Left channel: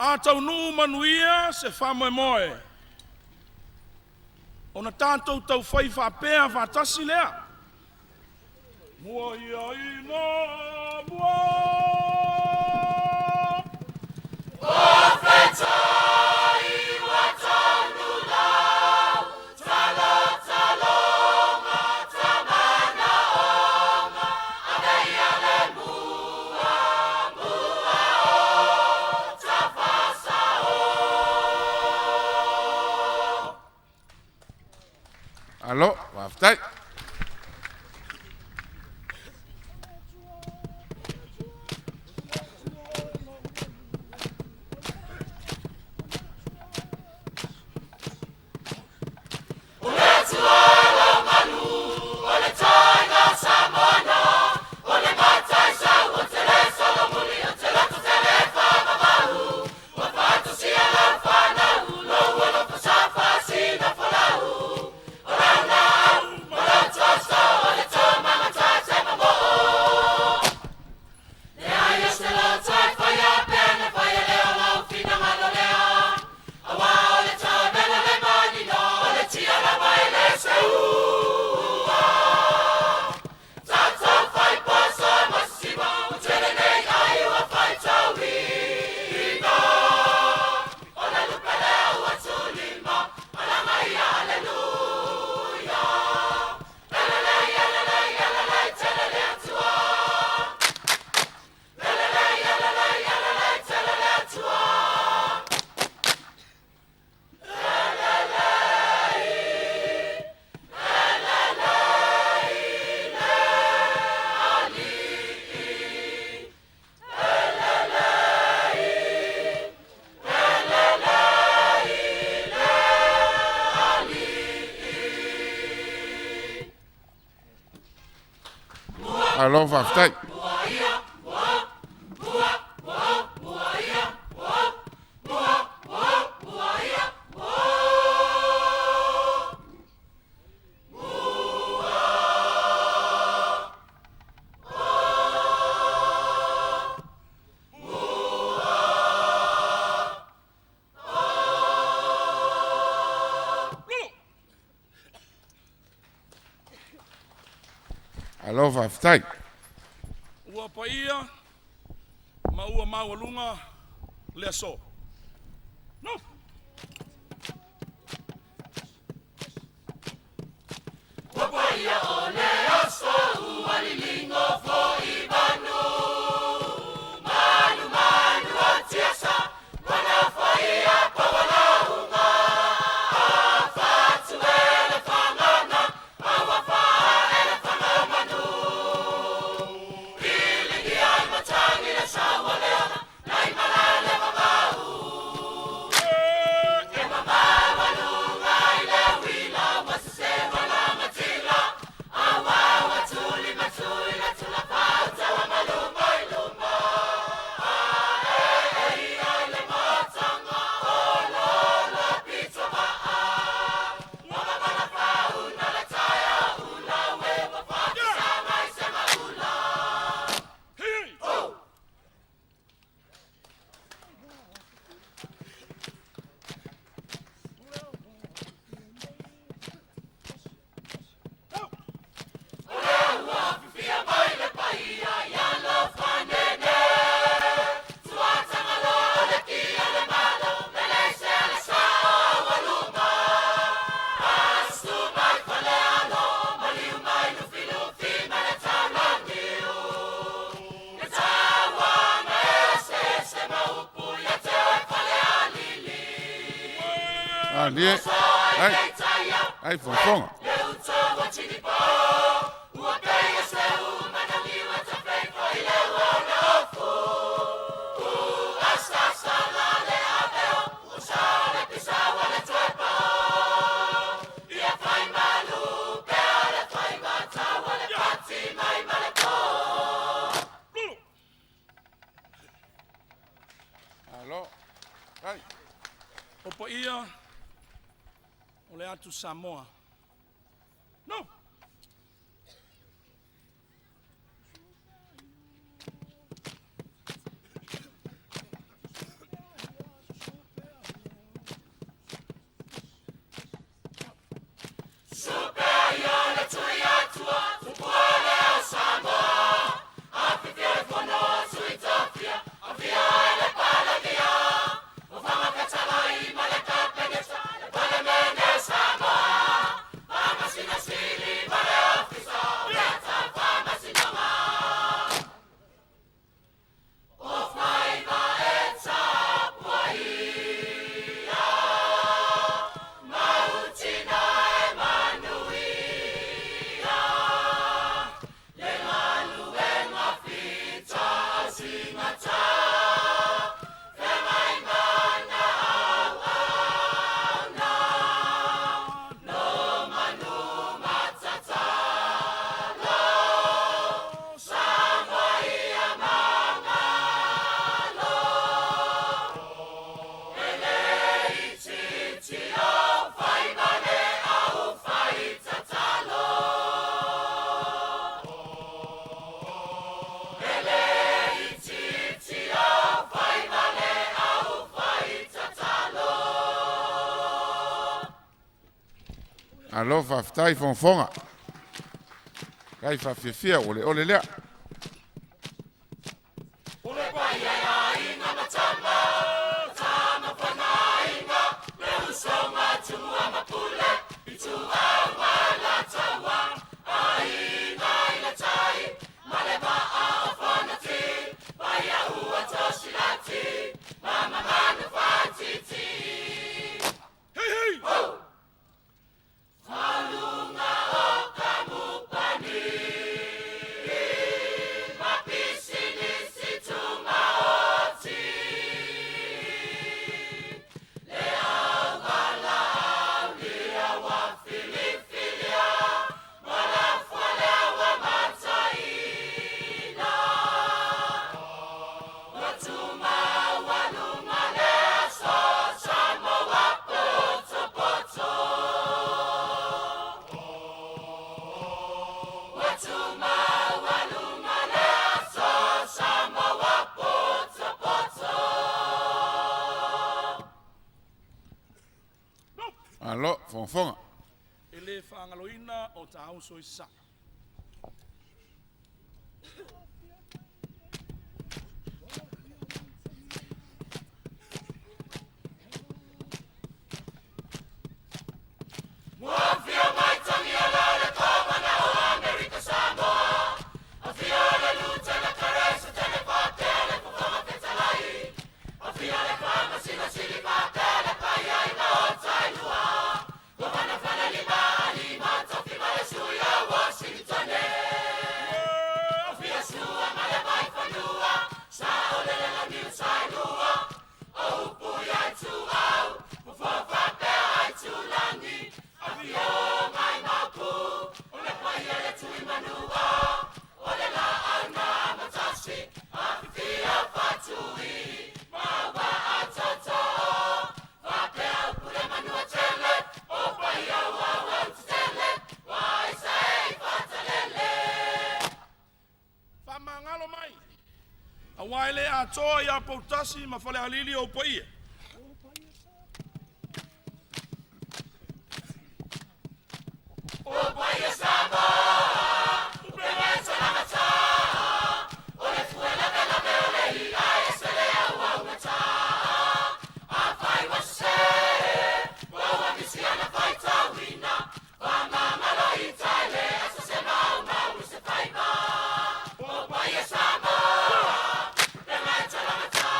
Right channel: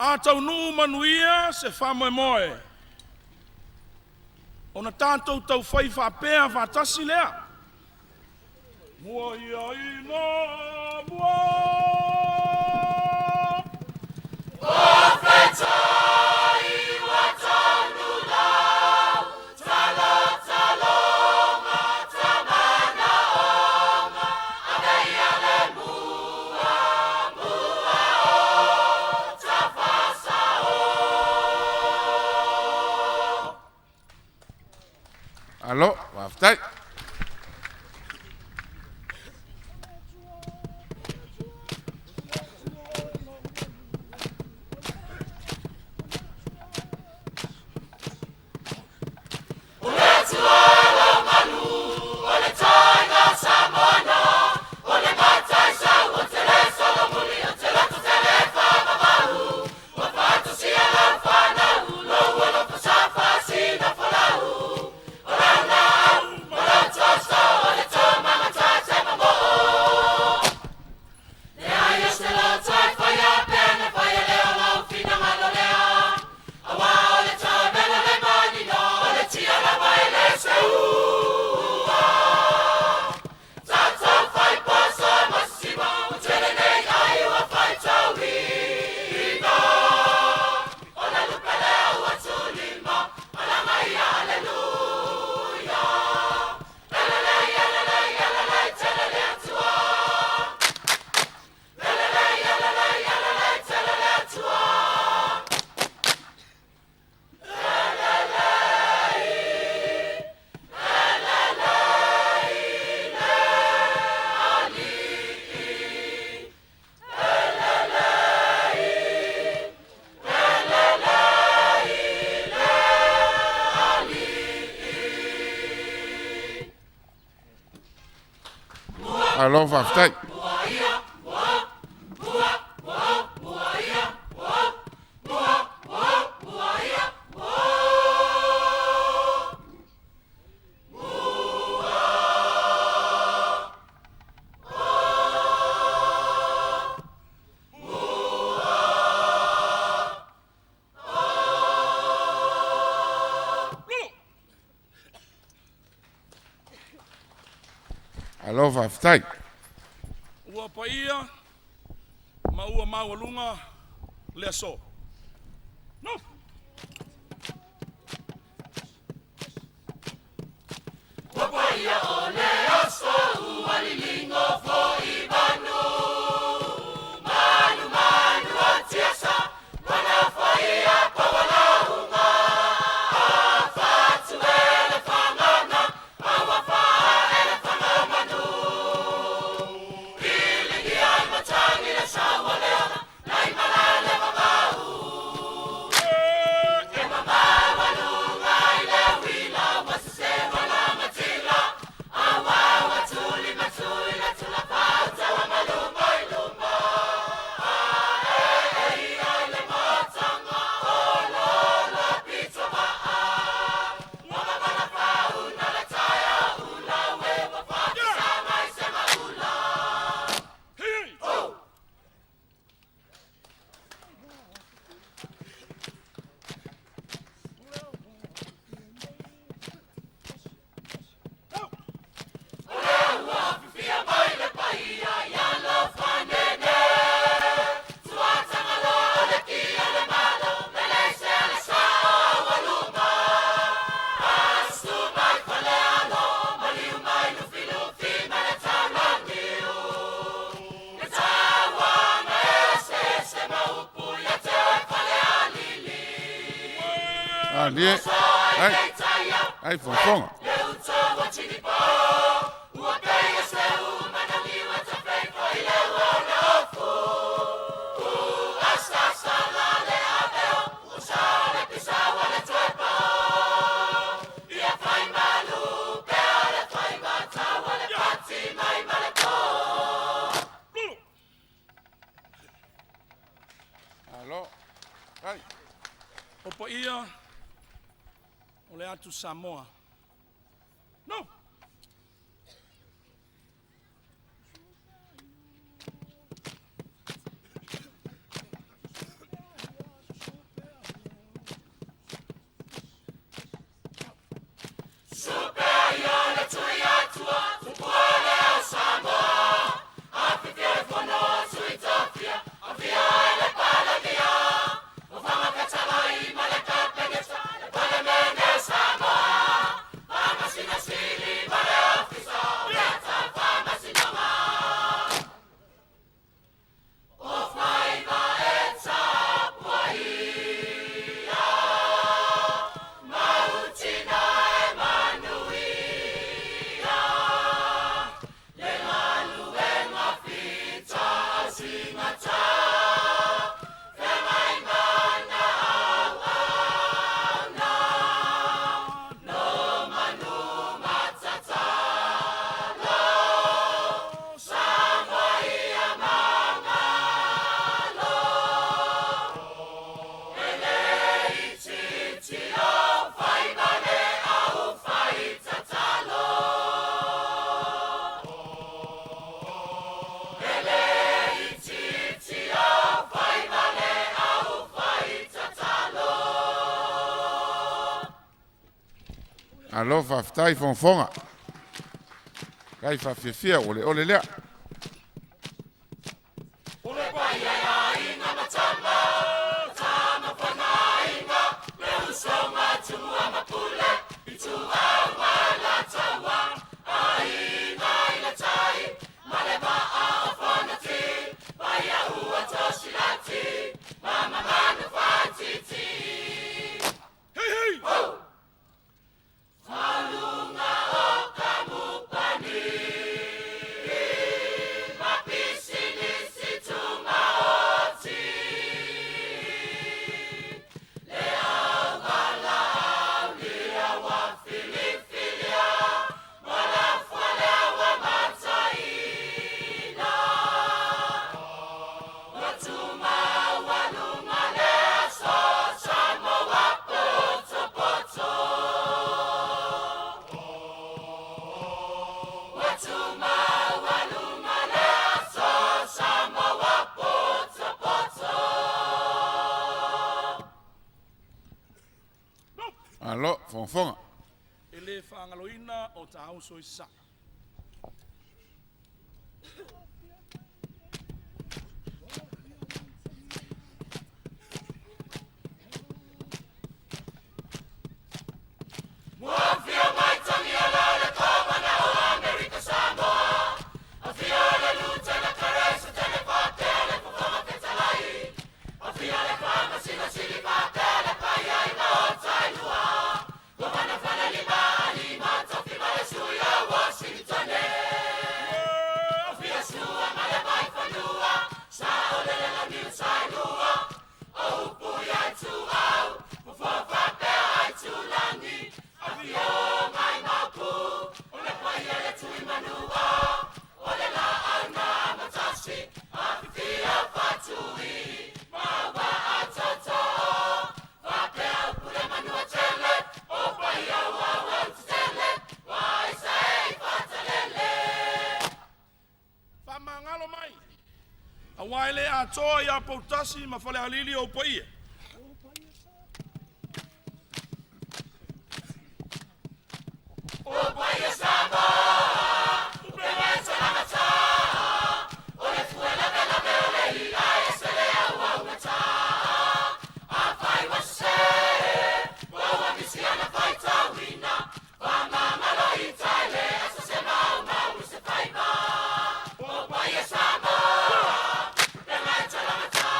A tau nuu manuia se whamoe moe. O na tātou tau whai whapea whatasi lea. Mua ia ina mua. O whetai wa taunu lau, tala talonga tamana onga, agai ale mua mua o tawhasa o. Alo, waftai. Alo, waftai. Alo, waftai. Ua paia, ma ua maualunga, lea so. No. Ua paia o lea so, ua lilingo fo I manu. Manu manu o tiasa, wanga whaia pawalaunga. A whatu ele whangana, a wawha ele whangamanu. Dia, ai fonfonga. Alo, ai. Opa ia, o le atu Samoa. No. Alofa fitai fonfonga. Kai fa fia ole lea. Alo fonfonga. Ele whaangaloina o ta au soi sa. Whamangalo mai. A waile a toa ia pautasi ma whale halili o paia. O paia sama, o prema salamata, o le fuela bela bela I a esele a wawata, a whai wase, wawa misi ana whai tawina, whamangalo I taile, asa se mau mau se whaiba. O paia sama, prema salamata,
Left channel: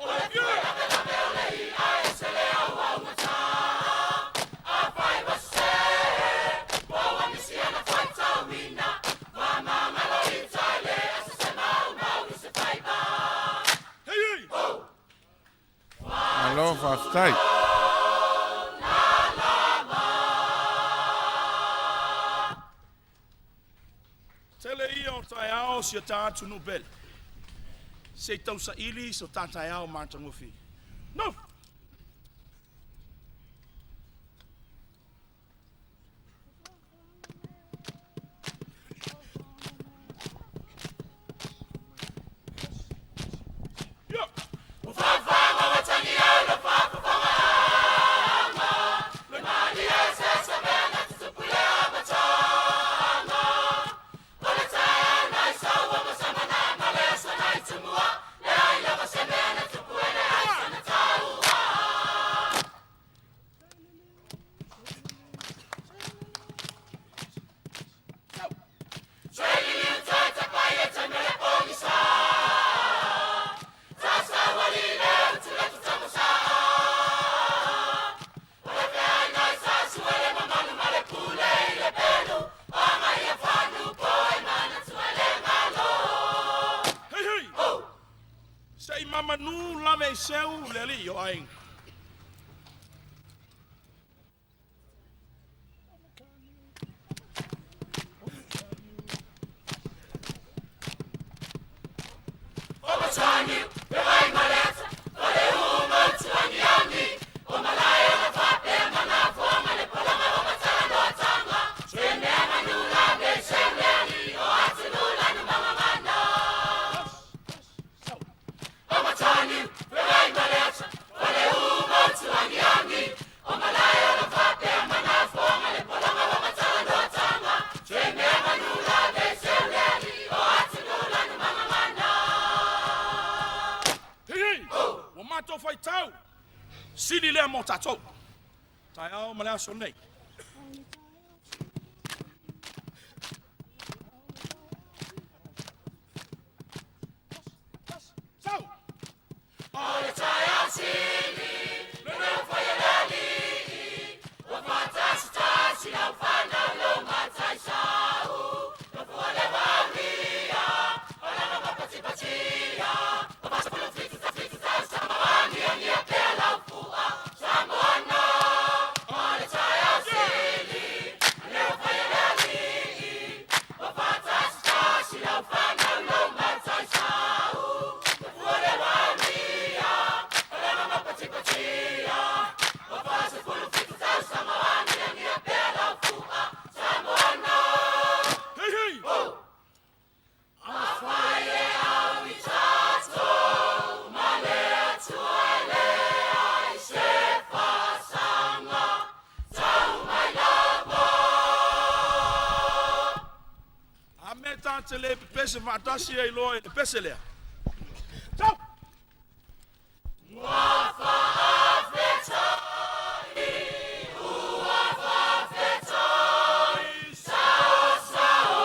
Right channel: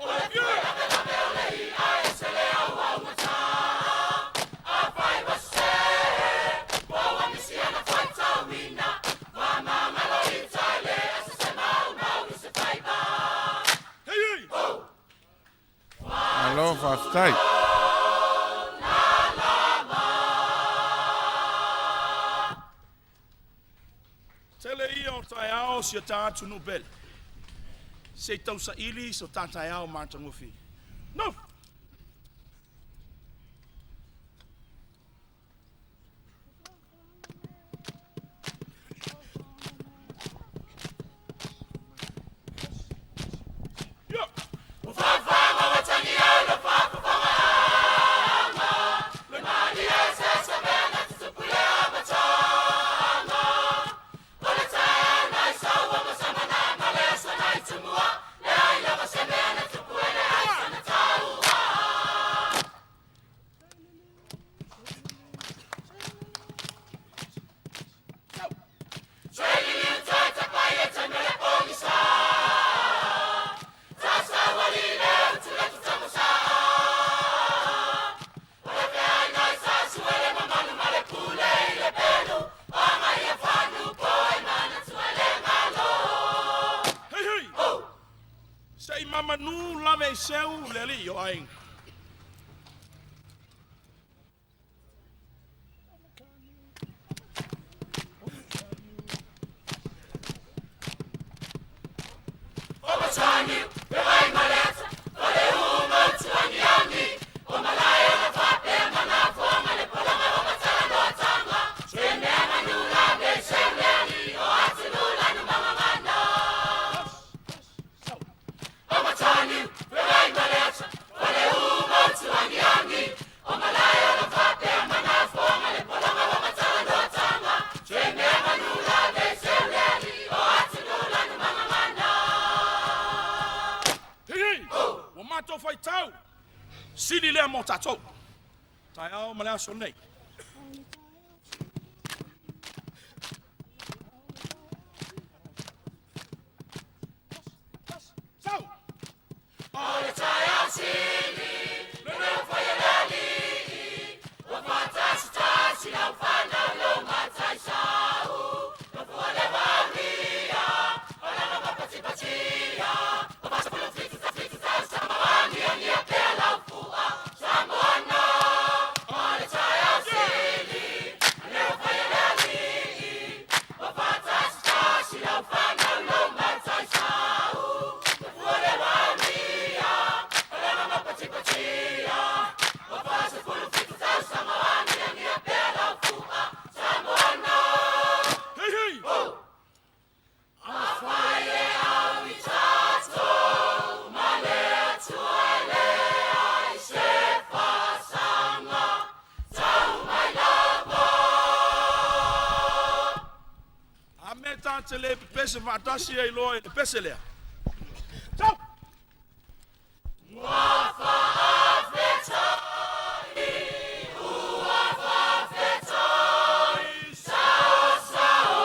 o le fuela bela bela I a esele a wawata, a whai wase. Alofa fitai. Tele ia o tai ao si a tātu no bele. Se tau sa ili so tātai ao mātangofi. No! Sei mama nu lave seu leli yo ai. Obatani, vai maleta, ole uma tuaniani, o malaya na vape mana foma le pola na obatana tanga. Sene manu lave sene o atilula no mama manda. Obatani, vai maleta, ole uma tuaniani, o malaya na vape mana foma mato fai tau. Sidi lea mo tatou. Tai au malea so nei. Sau. Ole tai au sili, luna fai lali. O fatasi tasi la fana lo matai sau. No fuale valia, ala no kapati patia. O pasa por los fitu tai samawani ani apea la fua. Samoana. Ole tai au sili, luna fai lali. O fatasi tasi la fana lo matai sau. No fuale valia, ala no kapati patia. O pasa por los fitu tai samawani ani apea la fua. Samoana. Hey, hey. Afaye avitato, malea tuale, aise fasanga, tau mai lava. Ameta tele pese matasi e loe pese lea. Sau. Wafa afetai, uwafa afetai, sao sao,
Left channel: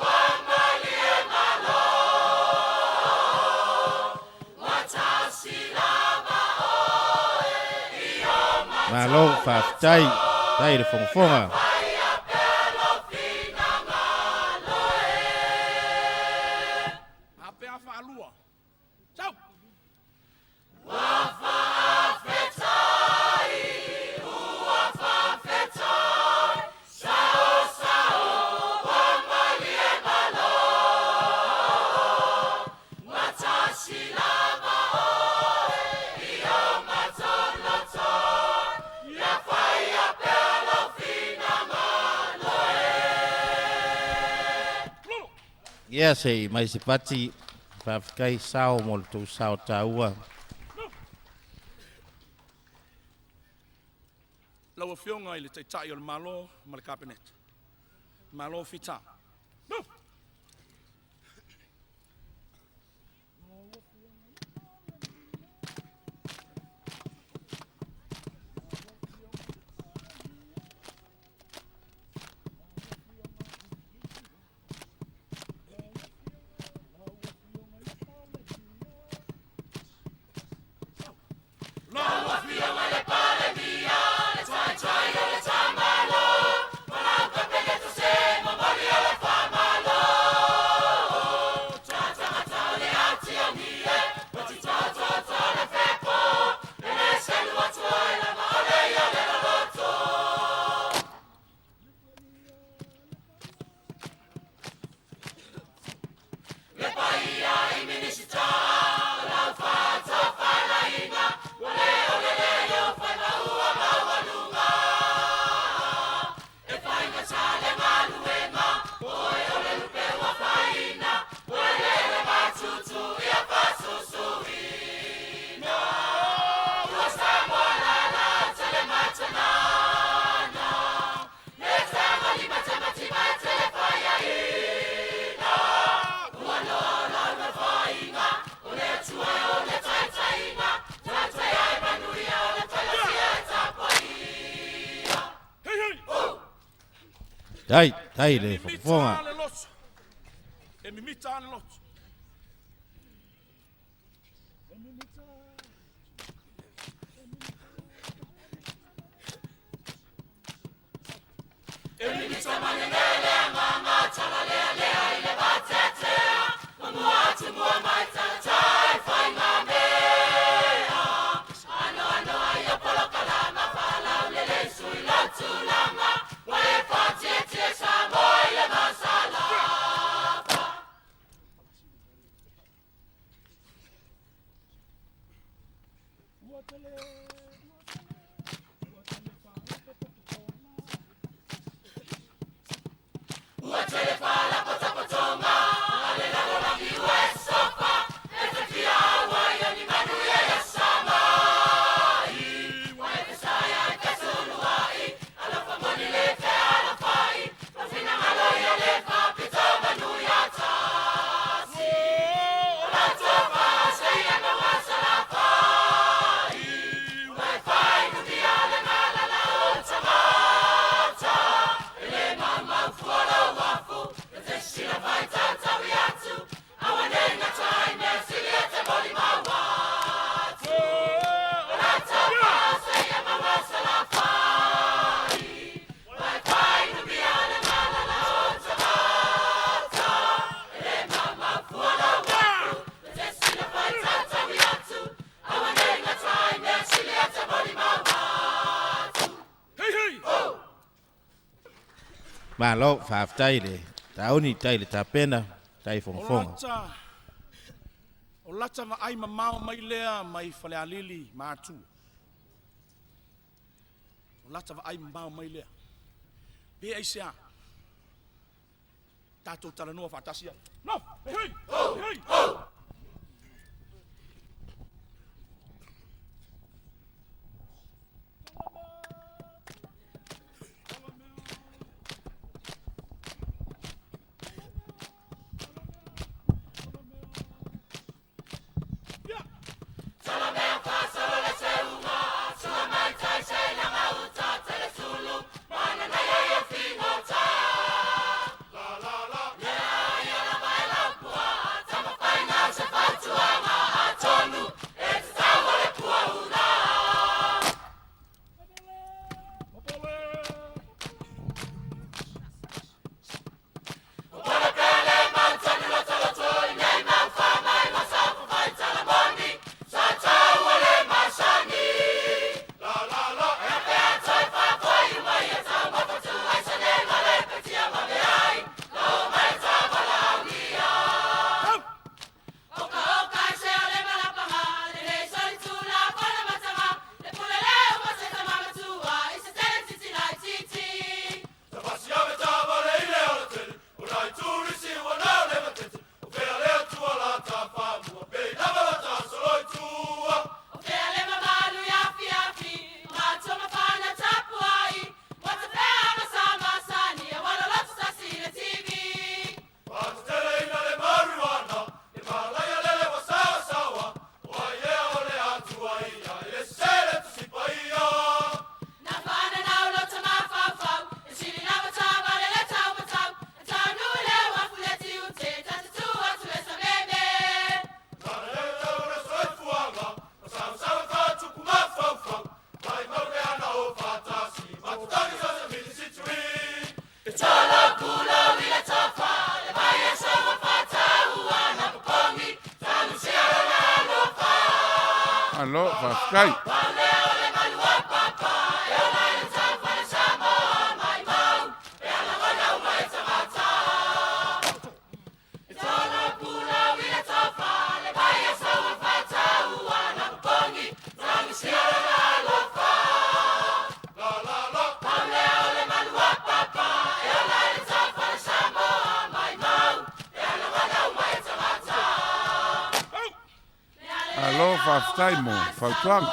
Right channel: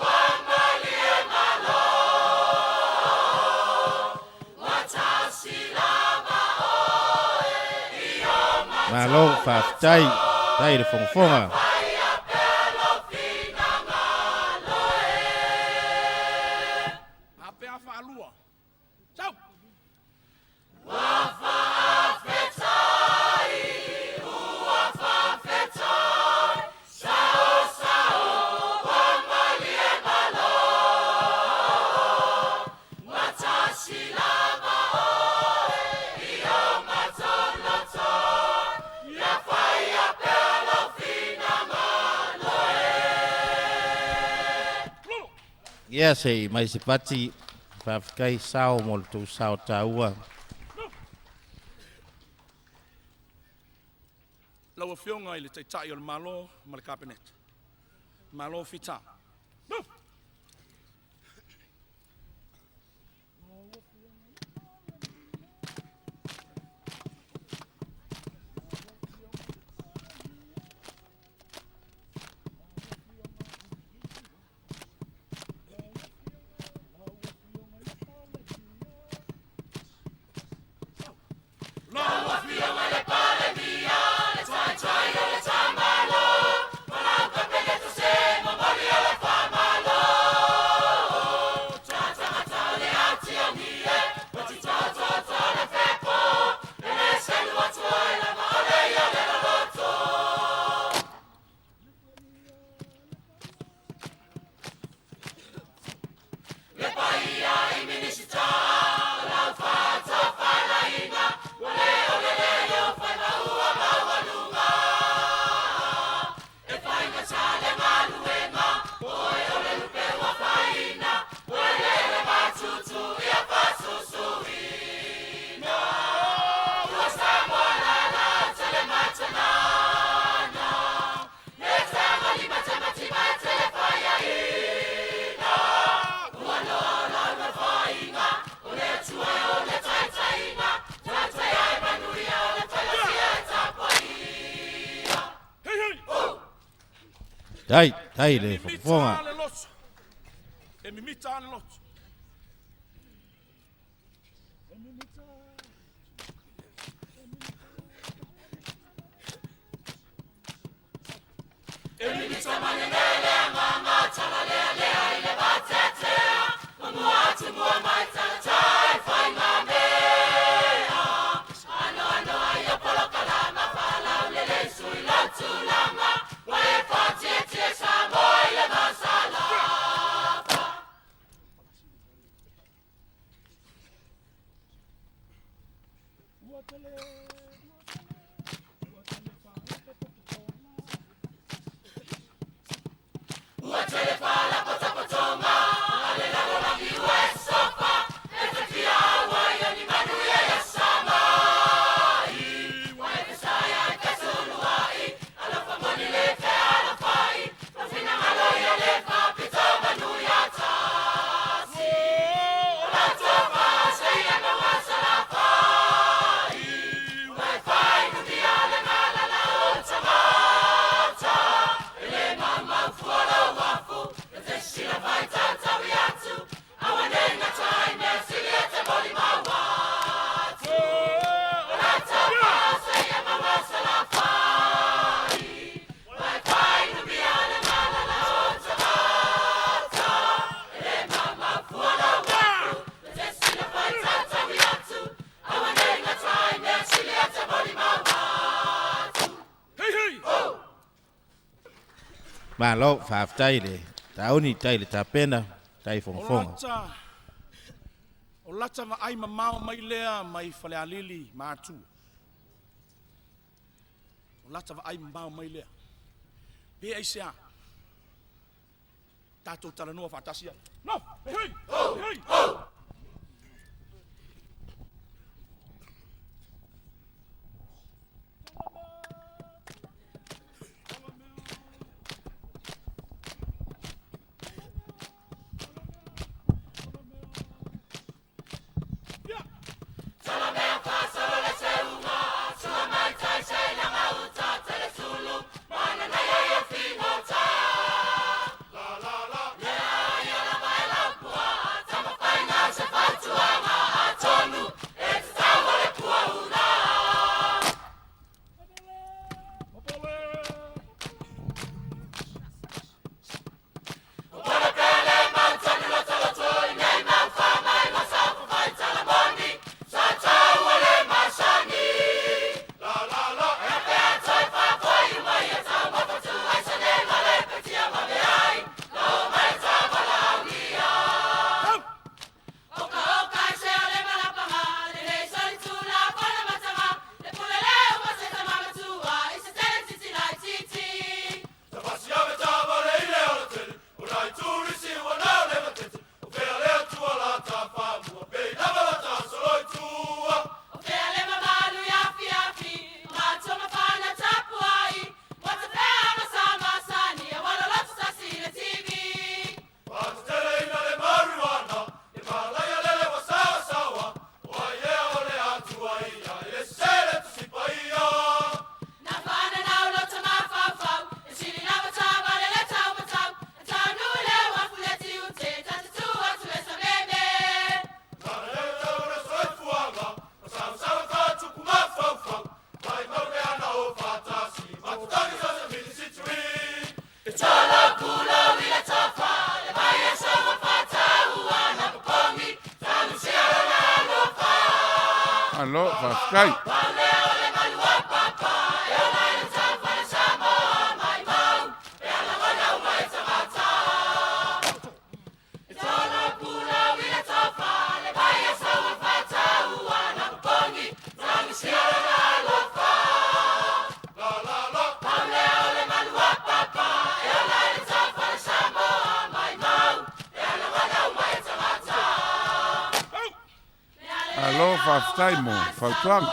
wamalie malo. Matasi lava oe, ioma Malo faftai, tai de fonga. Faya pelo fina ngaloe. Apea fa alua. Sau. Wafa afetai, uwafa afetai, sao sao, wamalie malo. Matasi lava oe, ioma toloto, ya faya pelo fina ngaloe. Lulu. Ia sei mai se pati fafkai sao mo tu sao taua. Laua fionga i le teitai o le malo ma le kapenet. Malo fita. Loa fionga le pale mia, le tai tai o le tamalo. Malau kapele to se, mamali o le famalo. Tata mata le ati o nie, pati tata le fepo. Ele selu atu ai la ma ole i o le loloto. Le paia i minisita, lau fata falaina. Ole ole le yo fana ua mawalunga. E faina tale maluenga. Oe ole lupe wa faina. Ole le matutu ia pasusuina. Ua samoa la tele matanana. Le tama li matamati matele faya ina. Ua lola ua faina. Ole tua ole taitaina. Tai de fonga. E mimita ale lotu. E mimita mangenele amanga talalea lea ile batetea. Mamuatu mua maitala tai fai ngamea. Ano aia polokalama fala ulele sui lotu lama. Wae patie tie samoa ile masala. Uatele fala potopotoma. Ale lago langi ue sofa. Ete kia awa iyo ni manuia ya sama. Wae kesaya e kesuluai. Alofa moni le te alafai. Tafina malo iyo le fa pito manuia tasi. Ola tofa, saia mawasa la fa. Malo whaafitai le. Tauni tai le tapena. Tai fonfonga. O lata ma ai mamao mai lea mai fale alili mātu. O lata ma ai mamao mai lea. Pe ai sea. Tātou tala noa whātasi ai. No! Hei! Hei! Alo, whaafitai. Alo, whaafitai mo, whautuanga.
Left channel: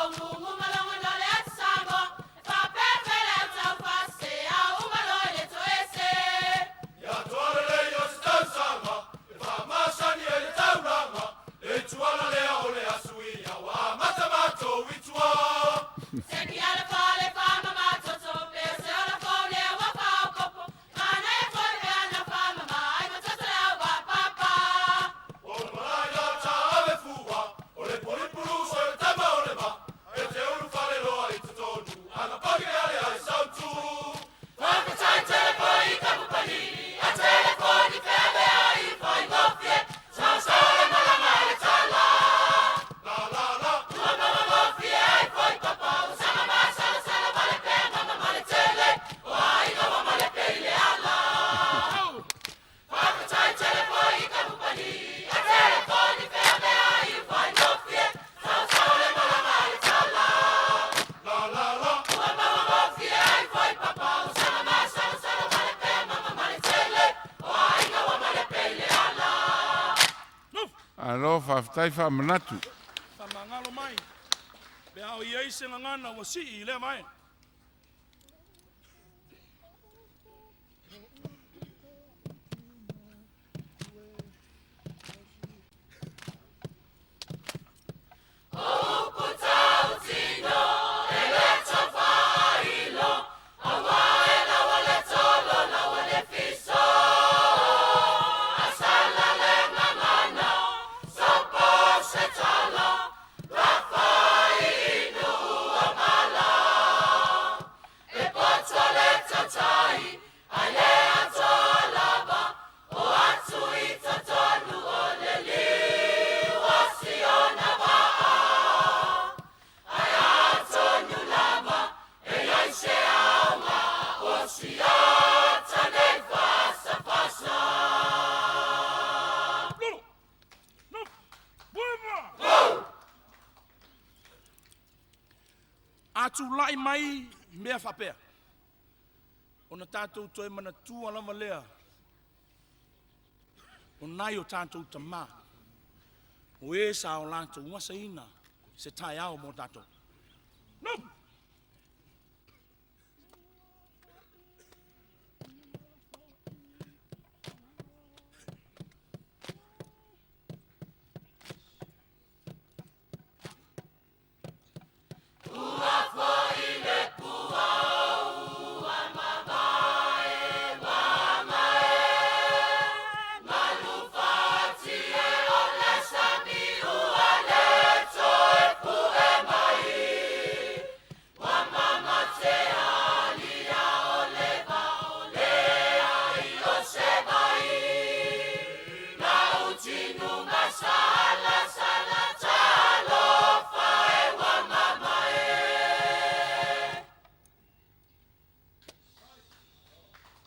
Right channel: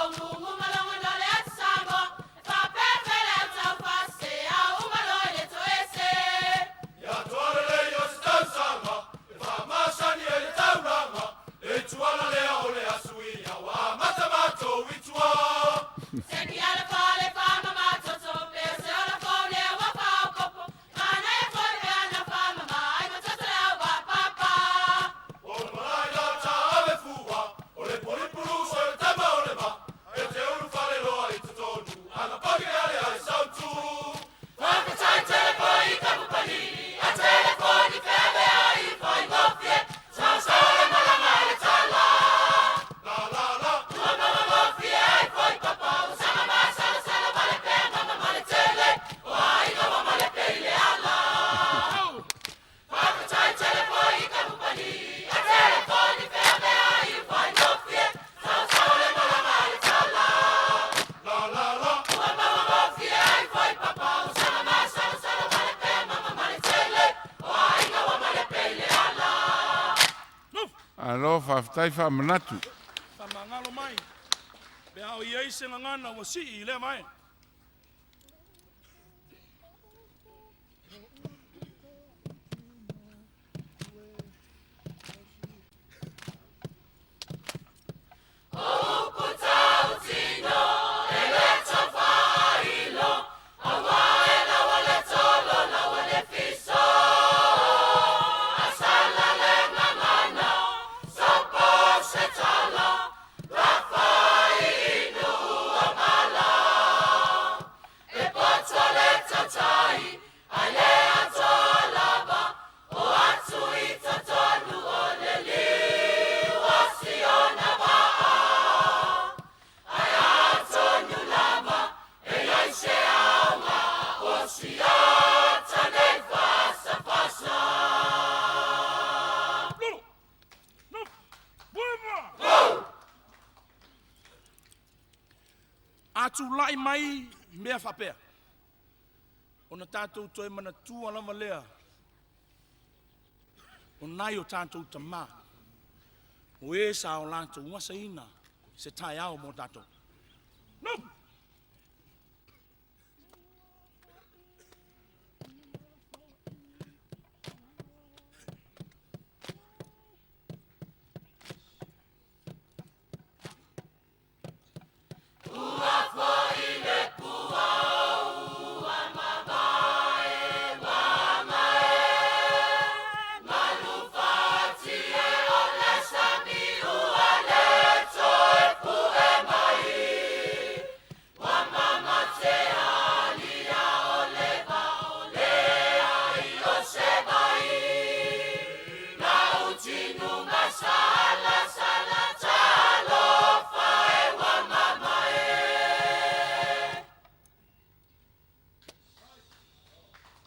Alo, whaafitai whaamanatu. Whamangalo mai. Bea o iei se ngana wa si I le mai. Setala, Rafa inu amala. atu lai mai mea whapea. Ona tātou toi mana tua lama lea. O nai o tātou ta mā. O e sa o lātou ngasa ina se tai ao mo tātou. No!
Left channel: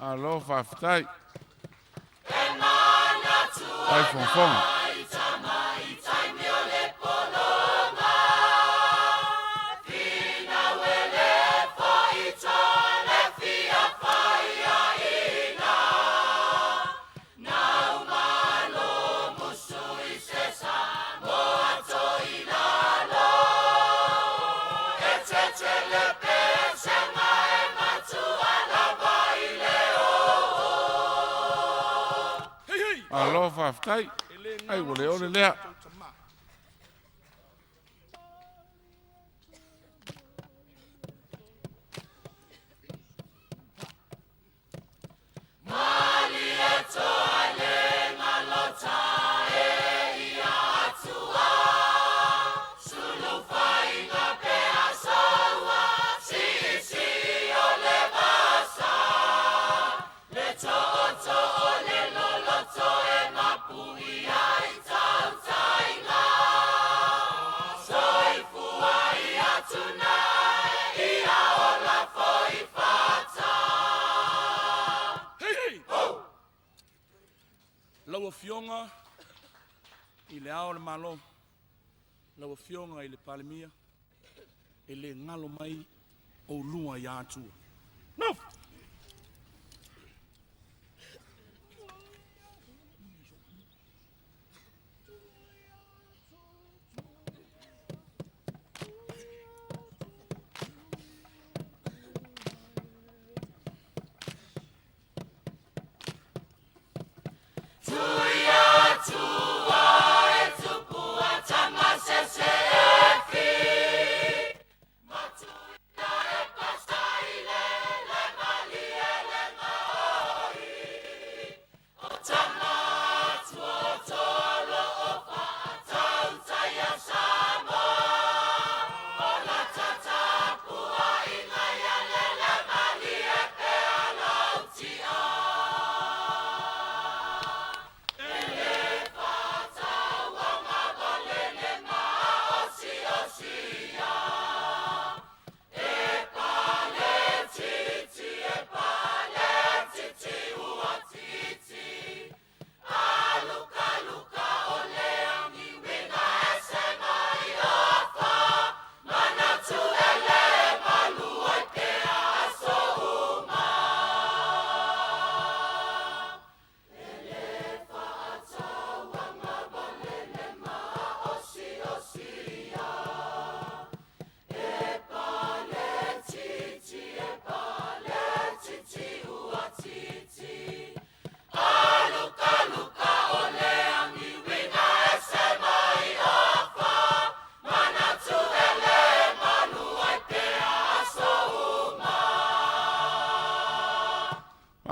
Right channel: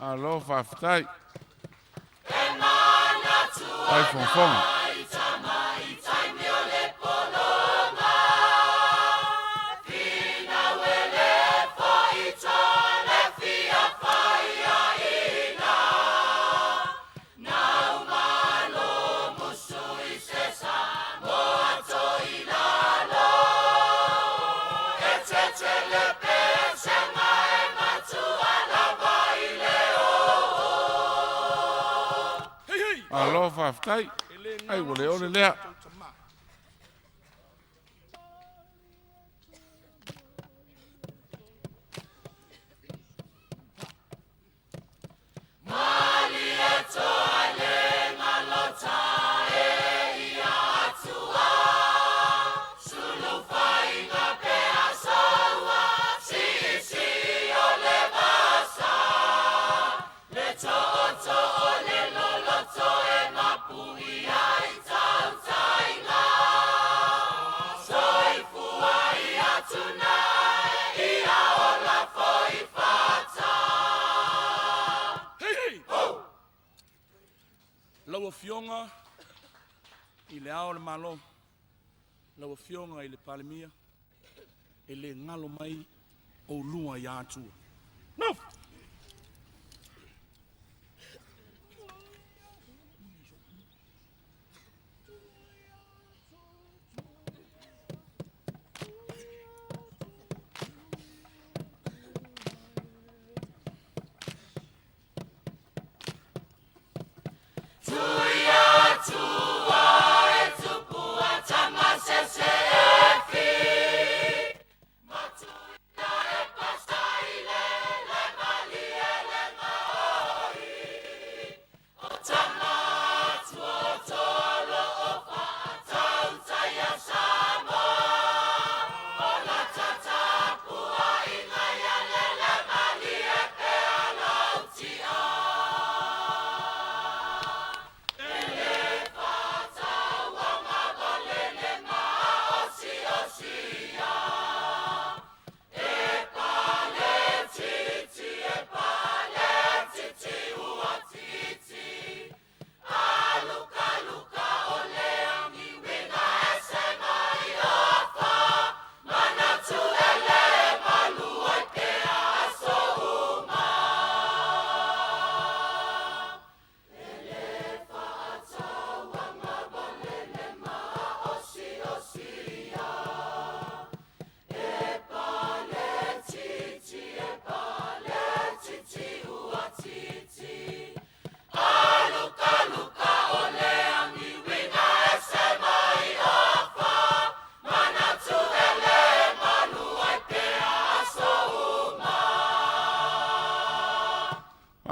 Alo whawhitai. Ai whonfonga. Alo whawhitai. Ai wale ole lea. Laua fionga i le ao le malo. Laua fionga i le palemia. E le ngalo mai o lua i atua. No!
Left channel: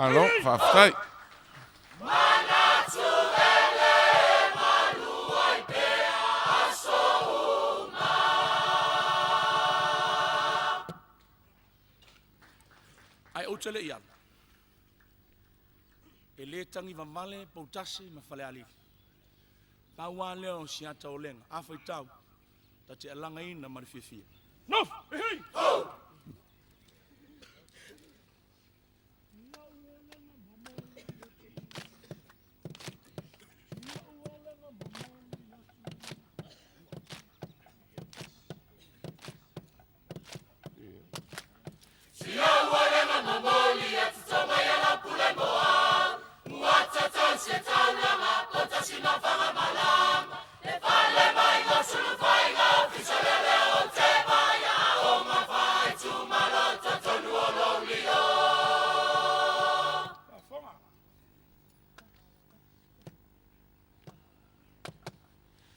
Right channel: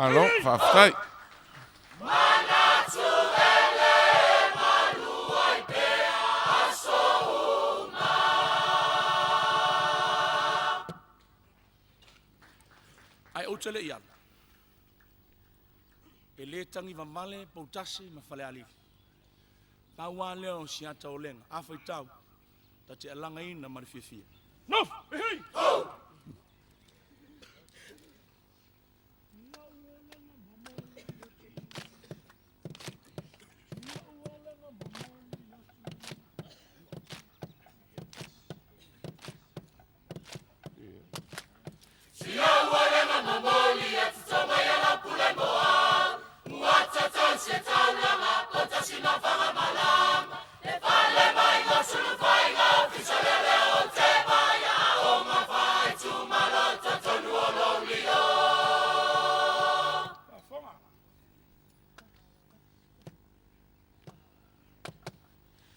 Alo whawhitai. Ai o tele i ana. E le tangi vamale pautasi ma whale ali. Tawa leo si ata o lenga. Awhai tau. Ta te alanga ina marififia. No! Hei! mamoli atu toma yala pule moa. Muata tonse taulanga, kota sima fanga malama. E pale mai mo sulu fai ma ofisale leo te maya. O ma fai tu malota tonu ololio.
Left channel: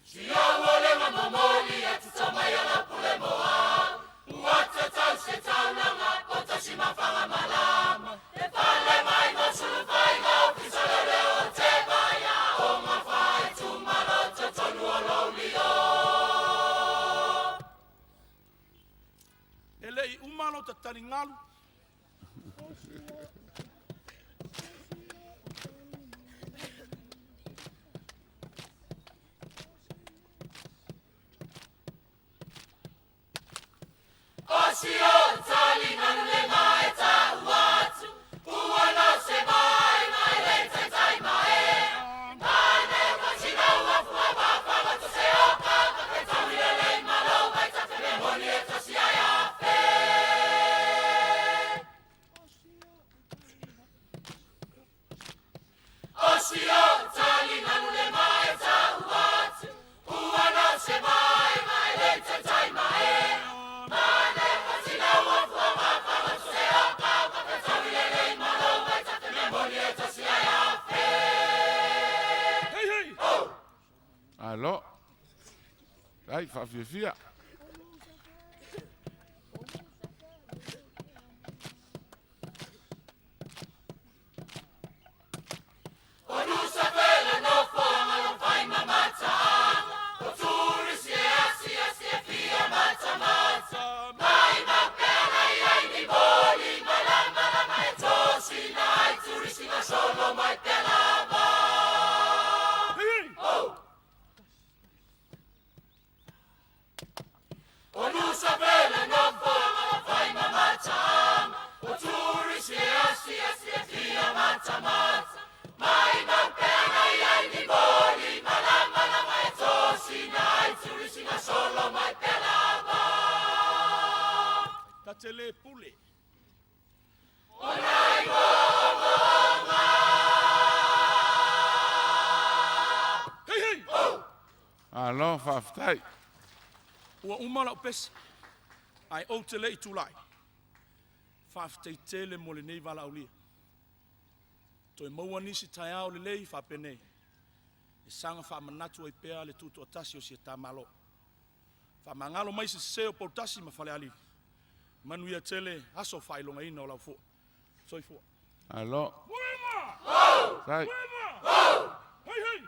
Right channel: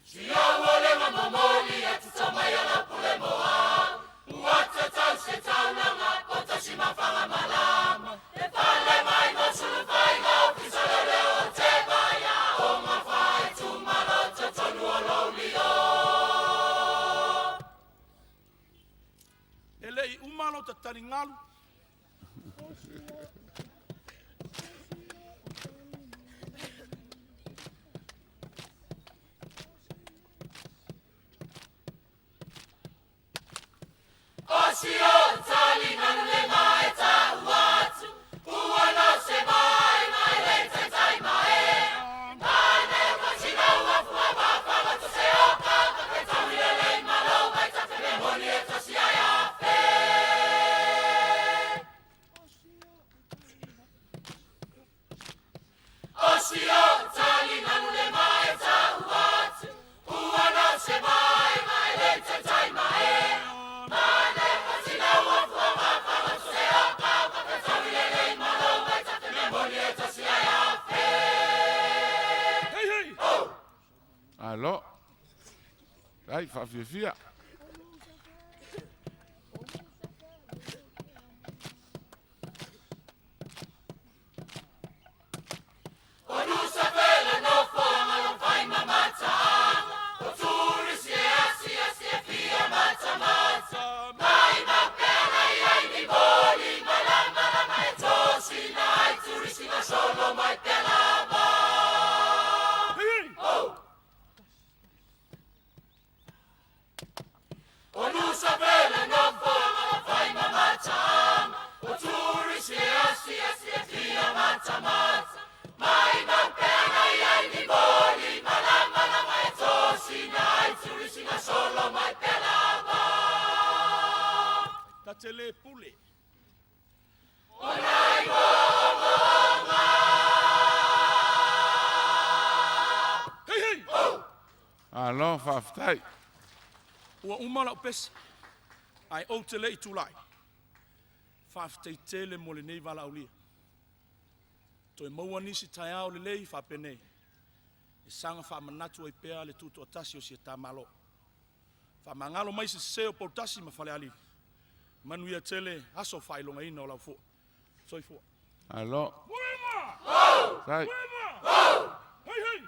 Sio wole mamoli atu toma yala pule moa. Muata tonse taulanga, kota sima fanga malama. E pale mai mo sulu fai ma ofisale leo te maya. O ma fai tu malota tonu ololio. Elei umalo ta taringalu. Osio tali manule mai ta watu. Kuano se mai mai lenta tai mai. Mane kasina wafu abapa watu se oka. Kaketa milele malo mai ta te memoni eto si aya fe. Osio tali manule mai ta watu. Kuano se mai mai lenta tai mai. Mane kasina wafu abapa watu se oka. Kaketa milele malo mai ta te memoni eto si aya fe. Hey, hey. Alo. Ai, fia. Onusa vela no foma no fai mamata. Oturi si asi fia mata mata. Mai ma pera ai di boli malama mai tosi nai turi si na solo mai pelava. Onusa vela no foma no fai mamata. Oturi si asi fia mata mata. Mai ma pera ai di boli malama mai tosi nai turi si na solo mai pelava. Katele pule. Hey, hey. Alo, faftai. Ua umala o pesa. Ai o te lei tulai. Whaaftei tele mo le nei wala au lia. Toi maua nisi tai au le lei whapenei. E sanga whaamanatu ai pea le tutu atasi o si e tamalo. Whaamangalo mai si seo potasi ma whale ali. Manu ia tele aso whailonga ina o lau fua. Soi fua. Alo. Tai. Hey, hey.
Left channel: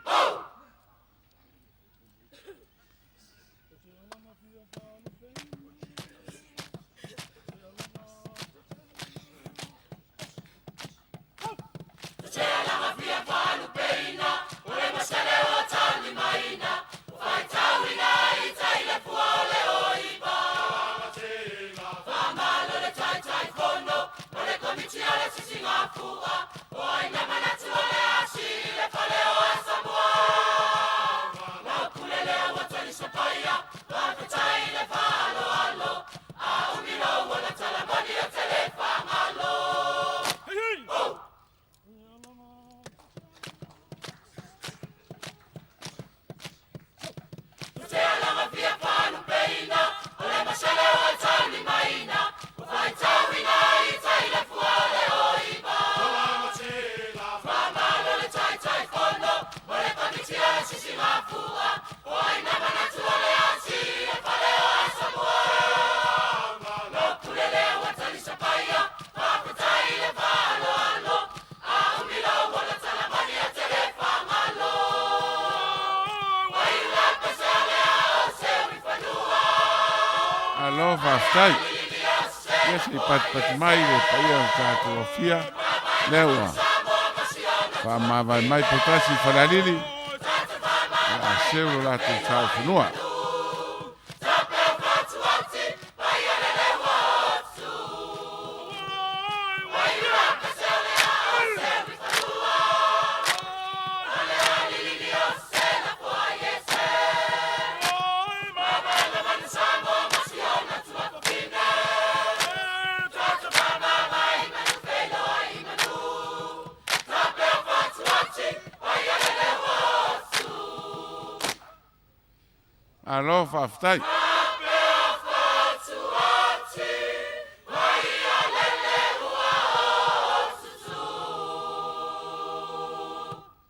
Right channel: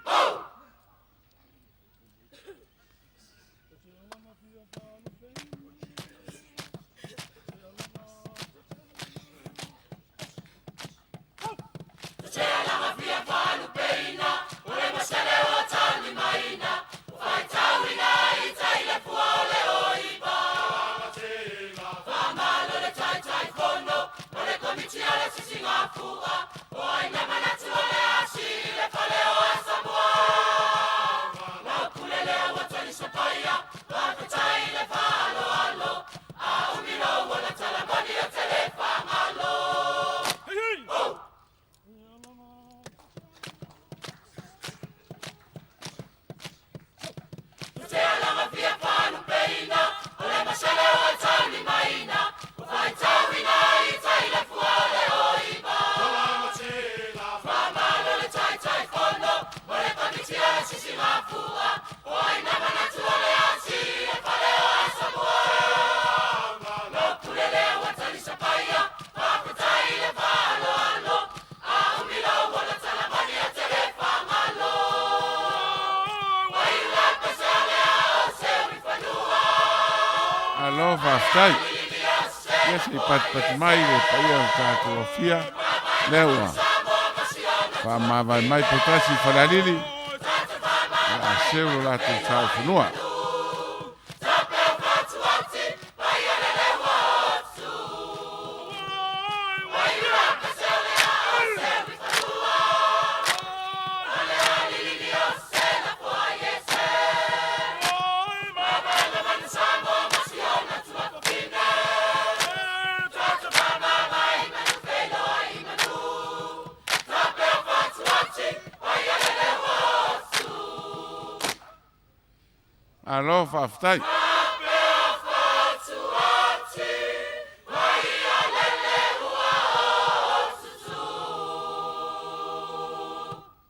Lama via palu peina, ole masale o tali maina, fai tawina itai le fuale oiba. Famalo le tai fono, ole komiti ale sisinga fua, oi namana tuale asi le fale o asamoa. Wakule leo watali sopaya, wapetai le falo alo, a umilo wala talabani o telefamalo. Hey, hey. Lama via palu peina, ole masale o tali maina, fai tawina itai le fuale oiba. Famalo le tai fono, ole komiti ale sisinga fua, oi namana tuale asi e fale o asamoa. Lokule leo watali sapaya, wapetai le falo alo, a umilo wala talamani o telefamalo. Waila pesale ao se uifanua. Alo, faftai. Yes, ni pat mai le paia o tātou o fia. Leua. Whamawai mai potasi whanariri. A seuro lātou tāu whanua. Sama whaftai.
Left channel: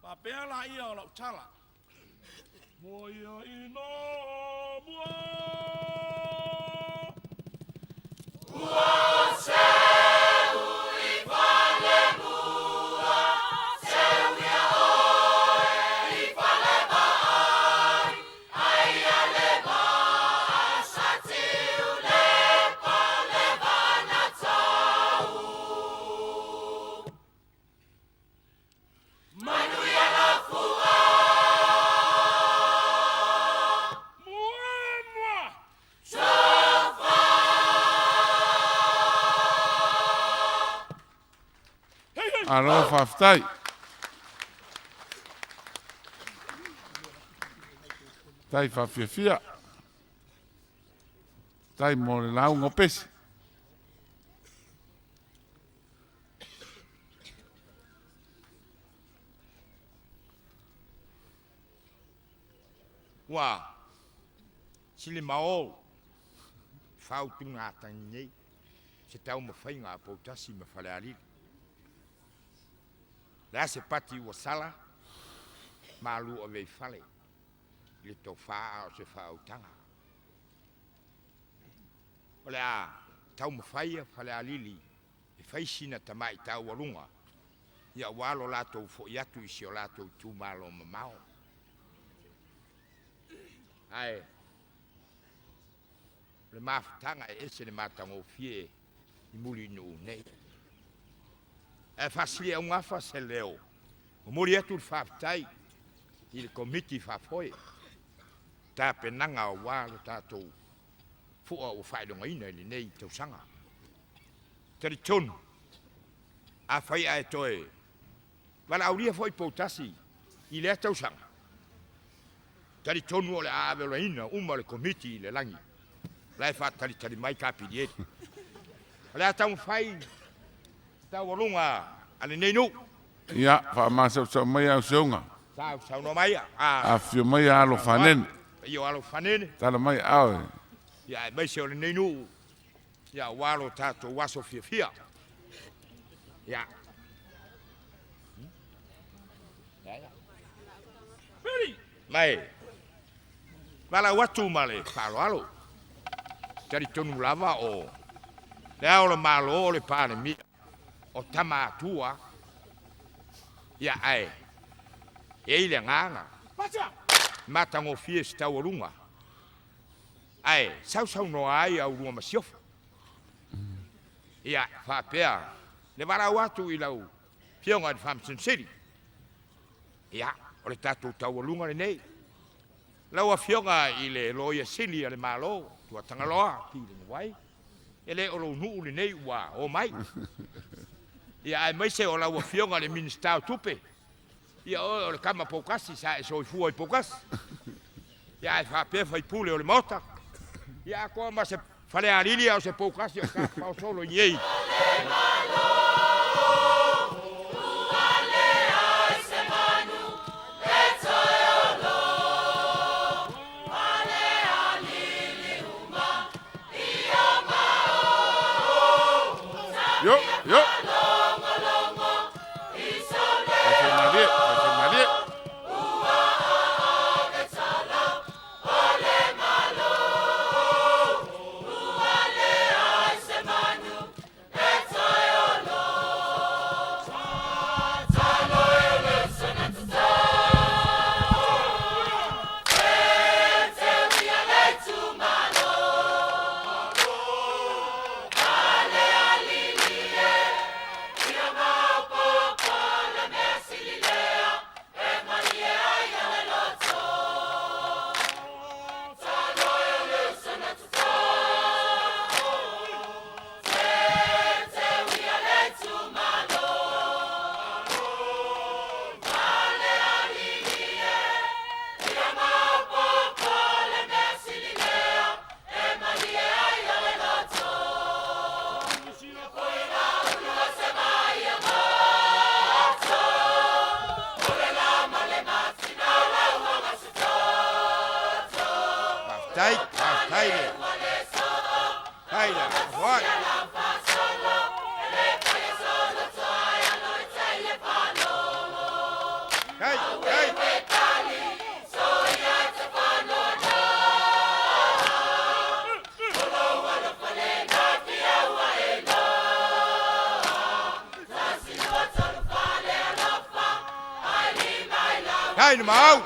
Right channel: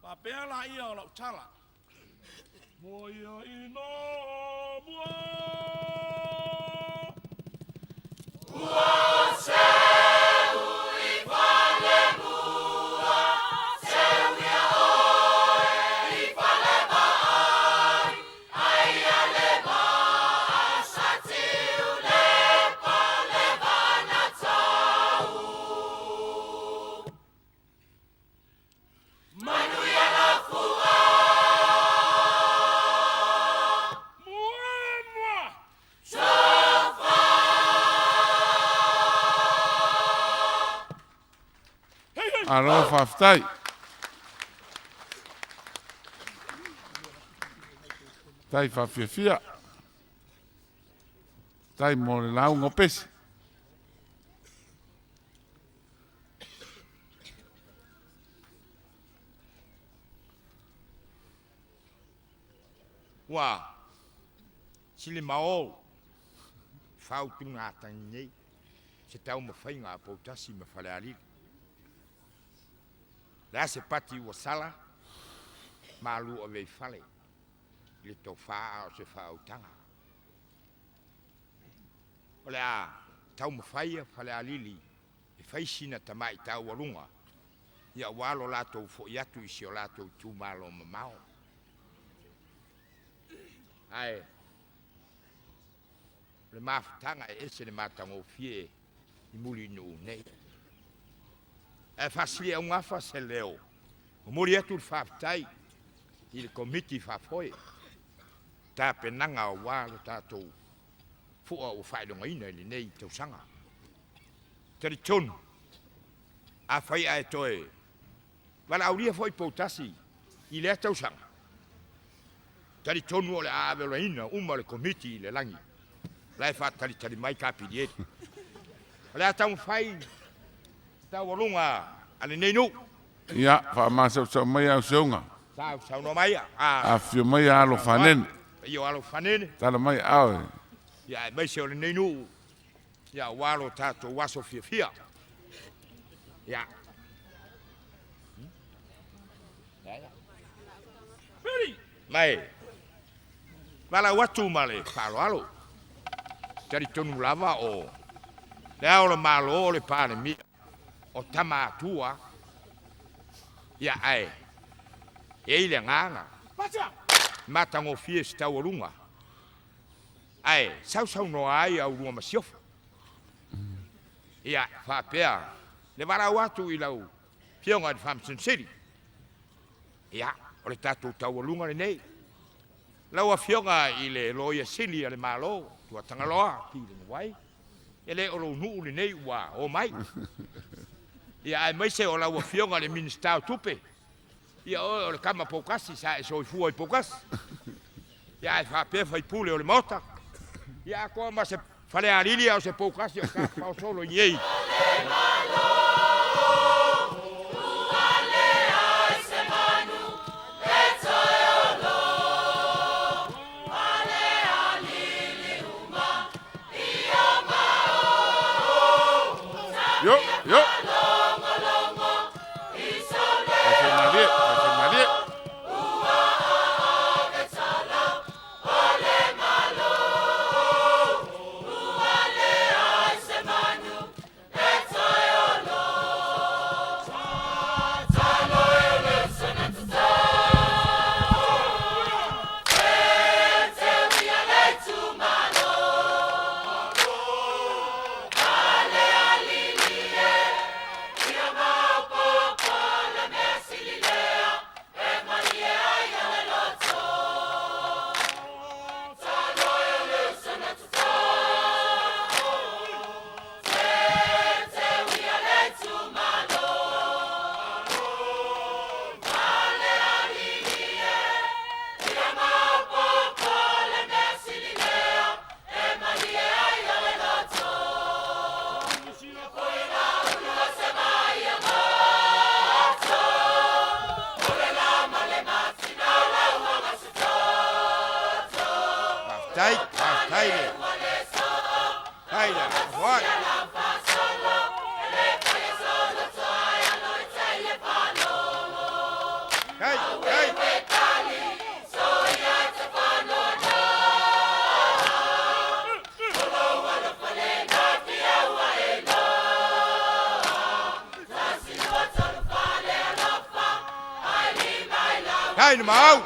Papea la ia o lau tala. Moia ino mua. Alo whaftai. Tai whawhiawhia. Tai mo le lau ngopesi. Wa sili mao fau tu nga tangi se tau ma fai nga potasi ma fale ali la se pati wa sala malu o ve fale le to fa o se fa utanga ola tau ma fai fale ali e fai sina tamai tau walunga ya walo la to fo ya tu isi o la to tu malo ma mao ai le mafutanga e se le matango fie i muri no nei e fasili e unha fa se leo o muri atu fafutai i le komiti fafoi ta penanga o walo tatou fua o whaidonga ina li nei tausanga kari tonu a whai a e toe wala auria foi poutasi i le tausanga tari tonu o le aavelo ina uma le komiti le langi lai fa tari mai kapi diet le atau fai ta walunga ale nei no Ia, whaamasa sa mai au seunga. sa no mai A fio mai alo whanen. io alo fanene Tala mai au. ya mai se o le nei no ya walo tato waso fia ya mai wala watu male palo alo tari tonu lava o le ao le malo o le pane mi o tama tua ya ai e ile nganga mata ngo fiesta warunga ai sau no ai au rua masiof ya fa pea le vara watu ilau pionga de fam city ya o le tatu tawalunga le nei lawa fionga ile loia sili ale malo tua tangaloa ki le wai ele o lo nu le nei wa o mai ya ai mai se o lawa fionga le minister tupe ya o le kama pokasi sa so fu pokas ya fa pe fai pule o le mota ya ko ma se fale alili o se pokasi o sa pa solo yei Yo. Marie. Haida, what? Hey, hey. Hey, mau.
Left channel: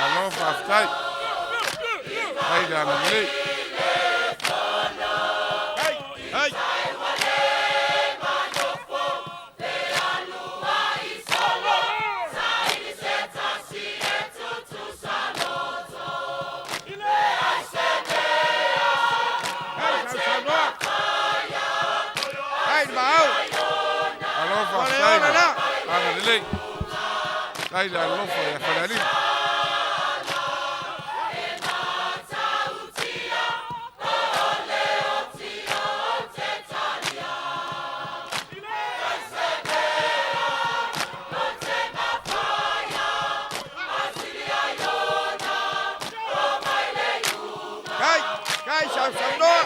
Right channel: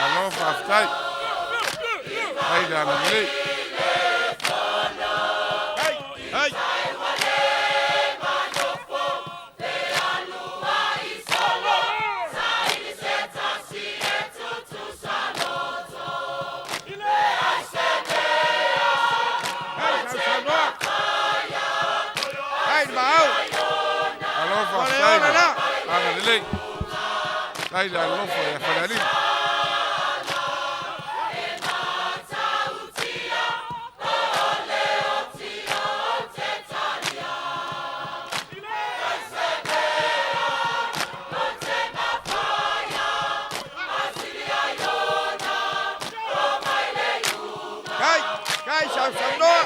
Alo Fafkai. Haida na mili. Hey. Alo Fafkai. Ana mili. Haida lofo ya fadali. Kai sao sao đó.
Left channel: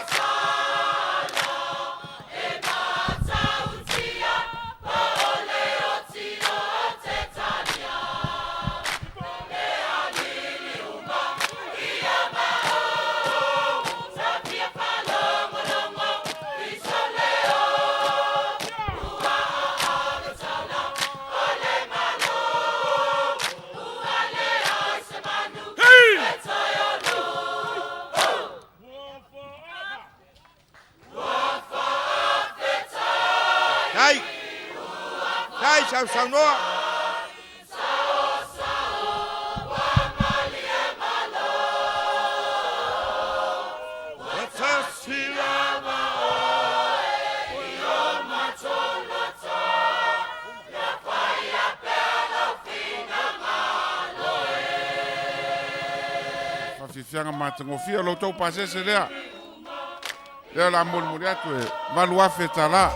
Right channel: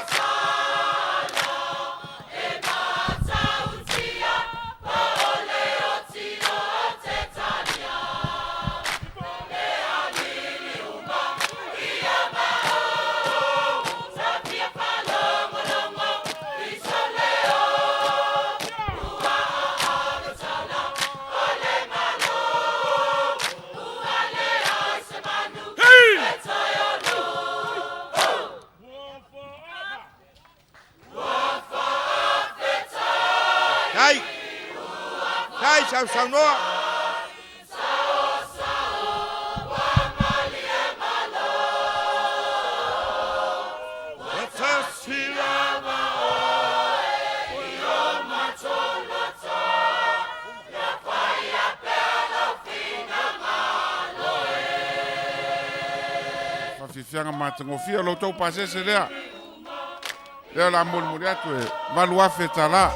Kai sao sao đó. Fianga matangofia lo tau pasese lea. Lea la mol muriatu e valua fetala.